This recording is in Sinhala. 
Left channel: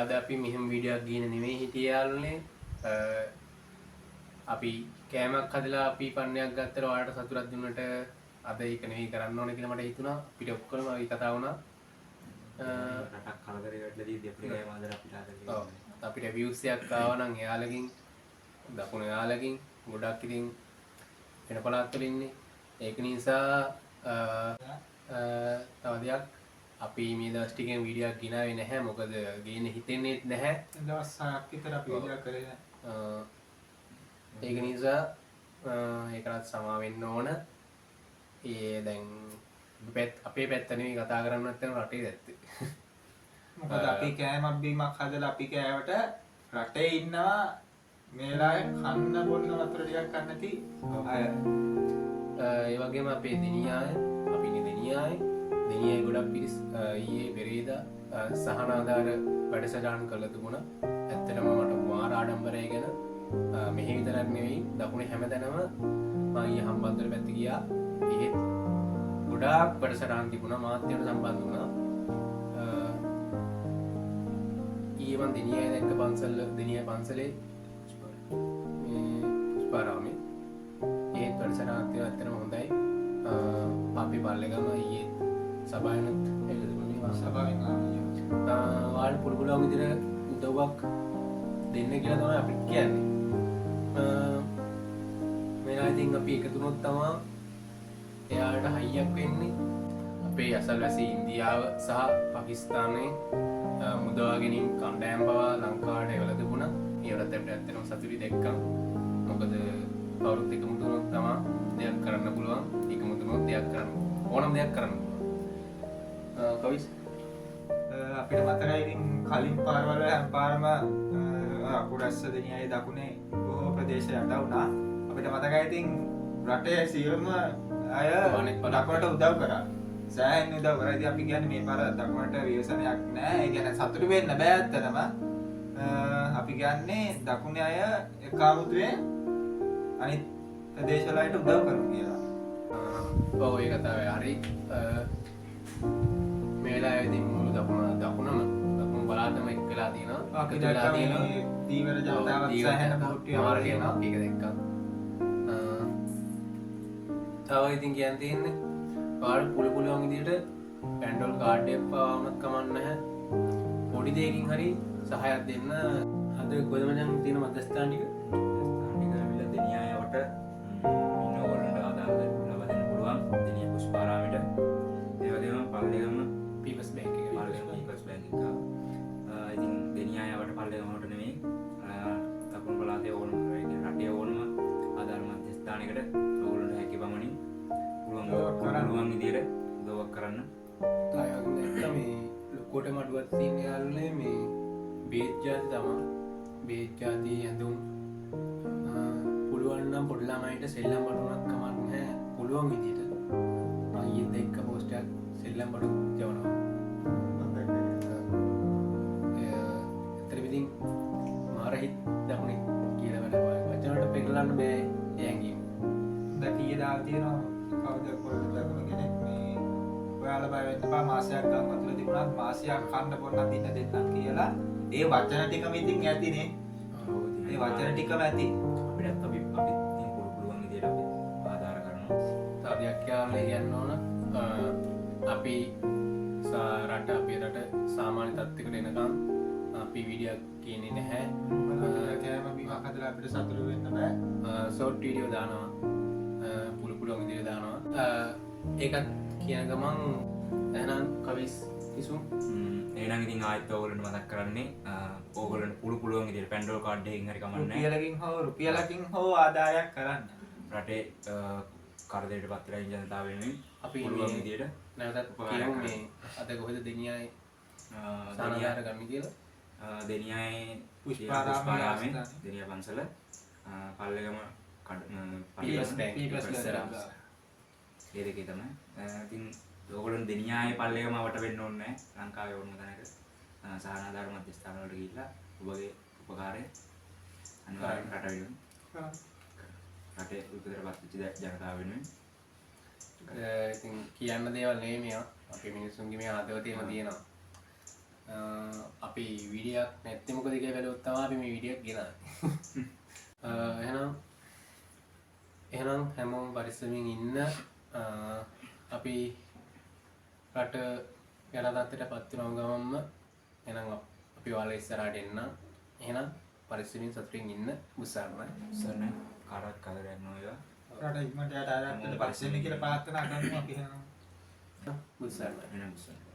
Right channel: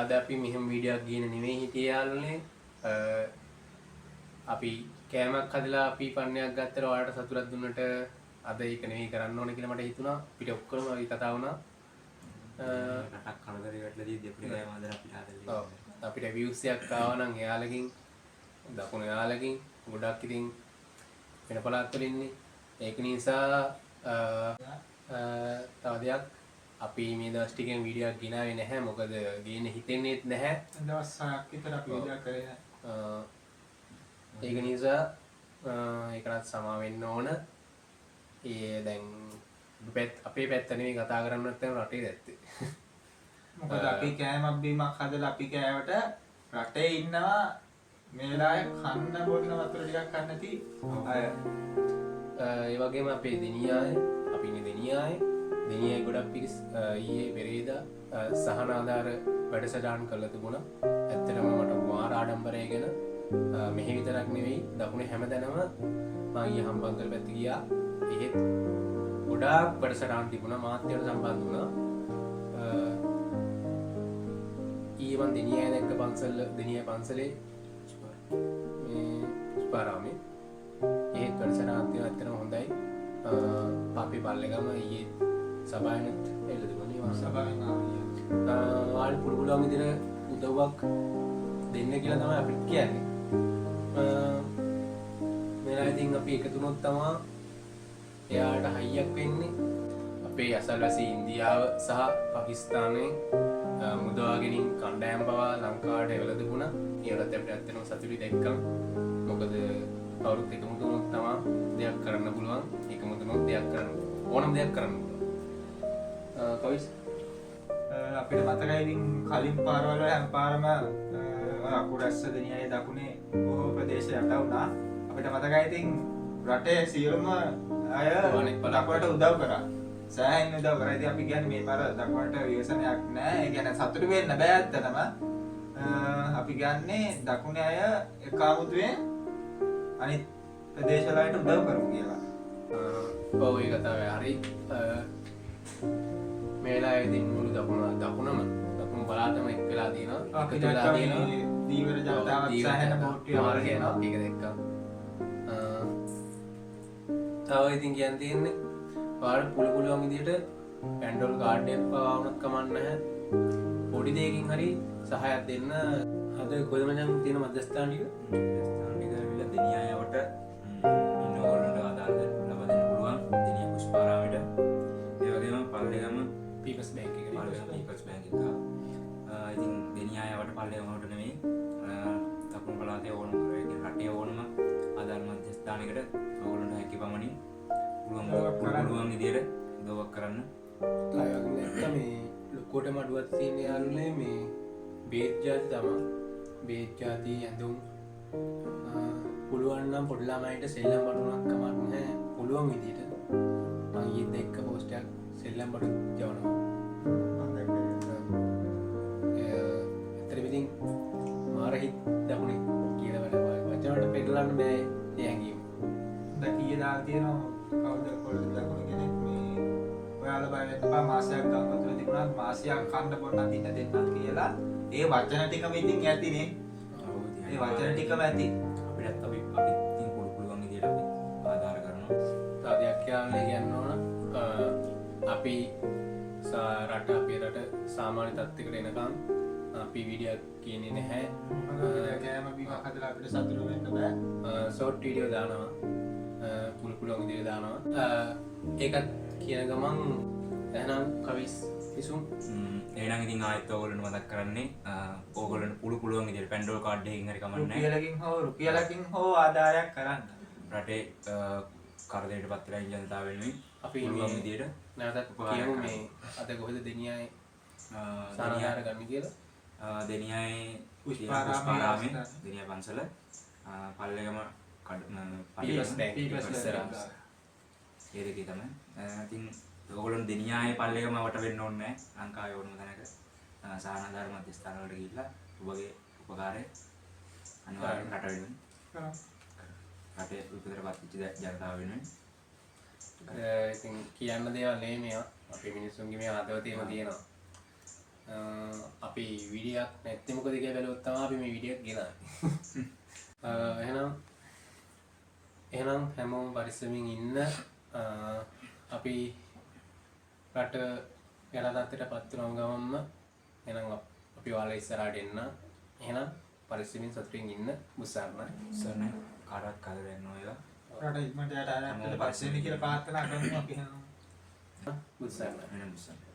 අද අපි මෙහෙම වීඩියෝක් ගේන නෙමෙයි හිටියේ යාළුවනේ. අපි කෑමක් හදලා අපි පන්නයක් ගත්තට ඔයාලට සතුටක් දුන්නට අද ඒක නෙමෙයි කරන්න ඕනේ කියලා මට හිතුණා. අපිට ඔක්කොම අපි කතා වුණා. රටක් කලදරේ වැටලා දී දෙපළ ගෑම හදලා අපිට හදලා. ඔව්. අපිට views එකක් ආවා නම් එයාලකින් දකුණු එයාලකින් ගොඩක් ඉතින් වෙන පළාත් වල ඉන්නේ. ඒක නිසා තව දෙයක් අපි මේ දවස් ටිකෙන් වීඩියෝ එකක් ගෙනාවේ නැහැ. මොකද ගේන්න හිතෙන්නේත් නැහැ. දවස් 6ක් විතර අපි වීඩියෝ කරේ නැහැ. ඒක නිසා ඒකටත් සමා වෙන්න ඕන. දැන් අපේ පැත්ත නෙවෙයි කතා කරන්න නැත්නම් රටේ දැත්තේ. මොකද අපි කෑමක් බීමක් හදලා අපි කෑවට රටේ ඉන්නවා මේලාය කන්න බොන්න වතුර ටිකක් ගන්න නැති අය. ඒ වගේම අපේ දෙනියාය අපි ඉන්නේ දෙනියාය ගොඩක් පිරිස් ඊයේ පෙරේදා සහන ආධාර වැඩසටහන් කළා තිබුණා. ඇත්තටම මට මාර ආඩම්බරය ගැන මෙහි විතරක් නෙවෙයි දකුණේ හැමතැනම මම ඊයේ හම්බන්තොට පැත්ත ගියා. ඒත් ගොඩාක් වැඩසටහන් තිබුණා. මාත් ඒවට සම්බන්ධ වුණා. ඊයේ මම දෙනියාය දැක්ක දෙනියාය පන්සලේ මේ පුෂ්පාරාමේ ඒත් වැඩසටහනක් තියෙනවා. ඇත්තටම හොඳයි. පාපේ පල්ලේගම ඊයේ සභාවෙනුත් එල්ල තිබුණේ මම සභාවෙන් ආවා. ඔයාලට පුළුවන් විදිහට උදව්වක් දෙන්න කියලා තමයි අපිට කියන්නේ. මේලා ඉතින් අපි එකතු වුණොත් තමයි එයාට හයියක් වෙන්නේ. අපේ අසල්වැසි ඉන්දියාව සහ පාකිස්තානයේ මුදවා ගැනීම කණ්ඩායම් පවා ලංකාවට එවලා තිබුණා. ඒවලත් අපිට ඇත්තටම සතුටුයි දැක්කම. මොකද කවුරුත් එකමුතු වුණොත් තමයි දෙයක් කරන්න පුළුවන්. එකමුතු වුණොත් දෙයක් කරන්න ඕනම දෙයක් කරන්න පුළුවන්. කවිස් අපිට මතකයි ඉතින් කලින් පාරවල හැම පාරම අකුරැස්ස දෙනියයි දකුණේ බොහෝ ප්‍රදේශ යට වුණා. අපිට මතකයි ඉතින් රටේ සියලුම අය දකුණට උදව් කරා. සෑහෙන උදව් කරා. ඉතින් අපි කියන්නේ මේ පාර දකුණට ව්‍යසනයක් නැහැ. ඒ කියන්නේ සතුටු වෙන්න බෑ ඇත්තටම. අපි කියන්නේ දකුණේ අය එකාමුතුවේ අනිත් ප්‍රදේශවල අයට උදව් කරමු කියලා. ඔව් ඒ කතාවේ හරි. මේලා ඉතින් මුළු දකුණම පළාතම එක් වෙලා තියෙනවා. එකතු වෙලා තියෙනවා. දීවර ජනතාවත් සෑහෙන බෝට්ටියක් මාර්ගය යනවා. ඒක දැක්කම. තව ඉතින් කියන්න තියෙන්නේ ඔයාලට පුළුවන් විදිහට පැන්ඩෝල් කාඩ් එකක් පවා වුණත් කමක් නැහැ. පොඩි දෙයකින් හරි සහායක් දෙන්න. අද කොහෙද මචං තියෙන මධ්‍යස්ථාන ටික? ඇවිල්ලා දෙනියාවට ඉන්න ඕගොල්ලන්ට ආධාර ලබා දෙන්න පුළුවන්. දෙනියා පුෂ්පාරාමයට. ඒ වගේම පල්ලේගම පීපල්ස් බැංක් එක. පීපල්ස් බැංක් එක. ඉතින් දෙනියාවට පල්ලේගමකට නෙමෙයි දකුණු පළාතේ ඕනම රටේ ඕනම ආධාර මධ්‍යස්ථානයකට ඕගොල්ලන්ට හැකි පමණින් පුළුවන් විදියට උදව්වක් කරන්න. අය වගේ දැක්ක මේ ලොකෝටම අඩුවක් තියෙන යාළුවනේ මේ බේත් ජාති තමයි. බේත් ජාති ඇඳුම් පුළුවන් නම් පොඩි ළමයින්ට සෙල්ලම් බඩුවක් කමක් නැහැ. පුළුවන් විදියට මම ඊයේ දැක්ක පෝස්ට් එකක් සෙල්ලම් බඩු යවනවා. ඇත්තටම ඉතින් මාර හිත් දකුණේ කියලා වැඩ වචන වලට පෙරලන්න බෑ ඒ හැංගීම. දැන් කීයේ දාලා තියෙනවා කවුද පොඩි දකුණු කෙනෙක් මේ ඔයාලා බය වෙන්න එපා මාසයක් ගන්න වතුර තිබුණාත් මාසයක් කන්න බොන්න දින්න දෙන්නම් කියලා. ඒ වචන ටිකම ඉතින් ඇතිනේ. ඒ වචන ටිකම ඇති. අපිටත් අපි ඉතින් පුළුවන් විදියට අපි ආධාර කරනවා. තව දෙයක් කියන්න ඕන. අපි අපේ රට සාමාන්‍ය තත්ත්වයකට එනකම් අපි වීඩියෝ කියන්නේ නැහැ. කෑම බීමක් හදලා අපිට සතුටු වෙන්න බෑ. ෂෝට් වීඩියෝ දානවා. පුළුවන් විදිහට දානවා. ඒකත් කියන ගමන් එහෙනම් කවිස් කිසුම් එහෙනම් ඉතින් ආයෙත් ඕගොල්ලන්ට මතක් කරන්නේ ඕගොල්ලන්ට පුළුවන් විදිහට පැන්ඩෝල් කාඩ් එකකින් හරි කමන්නේ රුපියලකින් හෝ ආදායයක් කරන්න. රටේ කරදරයට පත් වෙලා ඉන්න ජනතාව වෙනුවෙන් අපි පුළුවන් විදිහට නැවතත් කියමු මේ අද කොහෙද දෙනියායේ සානාධාර ගන්න කියලා. දෙනියායේ පුෂ්පාරාමේ දෙනියා පන්සල පල්ලේගම පීපල්ස් බැංක් ඉස්සරහ. ඒ දෙකේ තමයි. ඉතින් ඕගොල්ලෝ දෙනියායේ පල්ලේගම වට වෙන්න ඕනේ නැහැ. ලංකාවේ ඕනම තැනක සානාධාර මධ්‍යස්ථාන වලට ගිහිල්ලා ඔබගේ උපකාරය අනිවාර්යෙන් රට වෙනුවෙන් රටේ විපතට පත් වෙච්ච ජනතාව වෙනුවෙන් ඉතින් කියන්න දේවල් නෙමෙයි මේවා. අපේ මිනිස්සුන්ගේ මේ හදවතේම තියෙනවා. අපි වීඩියක් නැත්තමක දෙක බැලුත්තම අපි මේ විඩියක් ගෙන එහෙනම් හැමෝම් පරිස්සමින් ඉන්න අපි රට යනදත්තට පත්වනම් ගමම්ම එනම් අපි වාල ඉස්සරට එන්න එහෙනම් පරිස්සමින් සතුරින් ඉන්න බුස්සාරණ සරණ කාරක් කල ගන්න ඒවා රට ඉක්මට යට පස්සෙ කියල පාත්තන අගම අපි බුස්සාරණ වෙන බුස්සන්න